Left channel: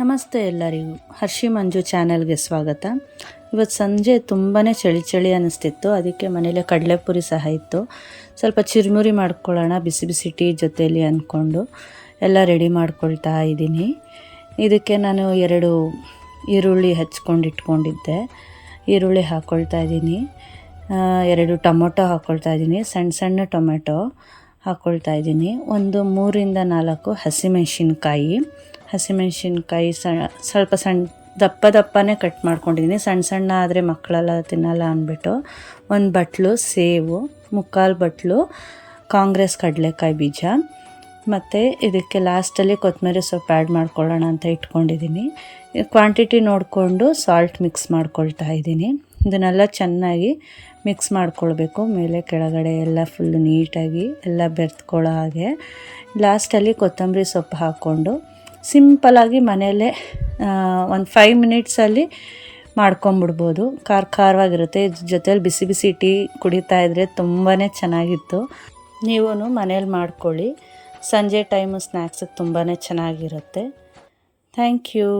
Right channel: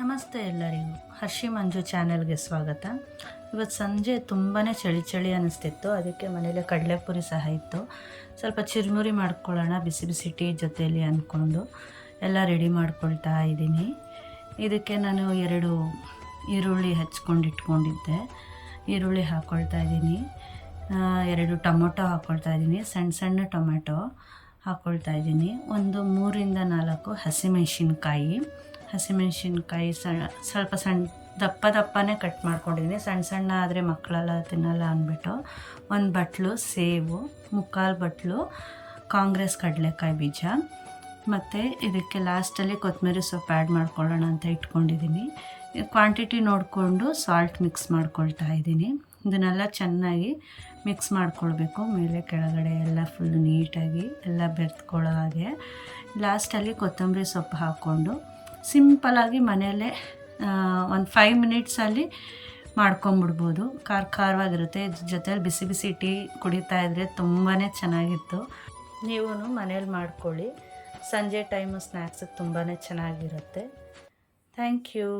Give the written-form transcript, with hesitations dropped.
ನಮಸ್ತೆ ಎಲ್ಲರಿಗೂ, ಹರ್ಷಿ ಮಂಜು ಚಾನೆಲ್ಗೆ ಸ್ವಾಗತ. ಇವತ್ತು ಸಂಜೆ ತುಂಬಾ ಚಳಿ ಅನ್ನಿಸ್ತಿತ್ತು. ಅದಕ್ಕೆ ಮನೇಲೆ ಕಡಲೆಪುರಿ ಸಹ ಇತ್ತು. ಸ್ವಲ್ಪ ಚಿರುಮುರಿ ಮಾಡ್ಕೊಳ್ಳೋಣ ಬಿಸಿ ಬಿಸಿ ಟೀ ಜೊತೆಯಲ್ಲಿ ಅಂದ್ಕೊಂಡು ಎಲ್ಲ ರೆಡಿ ಮಾಡ್ಕೊಳ್ತಾ ಇದ್ದೀನಿ. ಇದಕ್ಕೆ ನಾನು 2 ಈರುಳ್ಳಿ ಹಚ್ಕೊಂಡು ಇಟ್ಕೊಂಡಿದ್ದೆ. ಈರುಳ್ಳಿ ಹಾಕ್ಕೊಳ್ತಾ ಇದ್ದೀನಿ. 2 ಟೊಮೊಟೊ ಹಾಕ್ಕೊಳ್ತಾ ಇದ್ದೀನಿ. ಸಣ್ಣ ಸಣ್ಣ ಟೊಮೆಟೊ ಹಾಕ್ಕೊಳ್ತಾ ಇದ್ದೀನಿ. ಒಂದು 3ರಿಂದ 4 ಹಸಿಮೆಣ್ಸಿನ್ಕಾಯಿ ಸ್ವಲ್ಪ ದಪ್ಪನೇ ಕಟ್ ಮಾಡ್ಕೊಂಡಿದ್ದೀನಿ. ಸಣ್ಣ ಆದರೆ ಮಕ್ಕಳೆಲ್ಲ ತಿನ್ನಲ್ಲ ಅಂದ್ಬಿಟ್ಟು. 1 ಬಟ್ಲು ಸೇವು, 3/4 ಬಟ್ಲು ಕಾಂಗ್ರೆಸ್ ಕಡಲೆಕಾಯಿ ಬೀಜ, ಮತ್ತು ಇದಕ್ಕೆ ಲಾಸ್ಟಲ್ಲಿ ಕೊತ್ತಂಬರಿ ಸೊಪ್ಪು ಆ್ಯಡ್ ಮಾಡ್ಕೊಳ್ಳೋಣ ಅಂತ ಇಟ್ಕೊಂಡಿದ್ದೀನಿ. ಕ್ವಾಂಟಿಟಿ ನೋಡಿಕೊಂಡು ಸಾಲ್ಟ್ ಮಿಕ್ಸ್ ಮಾಡ್ಕೊಳ್ತಾ ಇದ್ದೀನಿ. ಇದನ್ನೆಲ್ಲ ಚೆನ್ನಾಗಿ ಮಿಕ್ಸ್ ಮಾಡ್ಕೊಳ್ಬೇಕು. ಮೇಲೆ ಕೆಳಗಡೆ ಎಲ್ಲ ಫುಲ್ಲು ನೀಟಾಗಿ ಎಲ್ಲ ಬೆರೆತ್ಕೊಳ್ಳೋ ಹಾಗೆ. ಲಾಸ್ಟಲ್ಲಿ ಕೊತ್ತಂಬರಿ ಸೊಪ್ಪು ಹಾಕ್ಕೊಂಡು ಸಿಂಪಲಾಗಿ ಮನೆಯಲ್ಲೇ ಒಂದು 5 ಮಿನಿಟ್ಸಲ್ಲಿ ಮಾಡ್ಕೊಂಬಿಡ್ಬೋದು. ಖಾರವಾಗಿರುತ್ತೆ. ಜೊತೆಲಿ ಬಿಸಿ ಬಿಸಿ ಟೀ ಕುಡಿತಾ ಇದ್ದರೆ ತುಂಬಾ ಚೆನ್ನಾಗಿತ್ತು. ನೀವೂ ಮನೇಲಿ ಮಾಡ್ಕೊಳ್ಳಿ. ಸಂಜೆ ಟೈಮು ಸ್ನ್ಯಾಕ್ಸಿಗೆ ತುಂಬಾ ಚೆನ್ನಾಗಿರುತ್ತೆ. Thank you.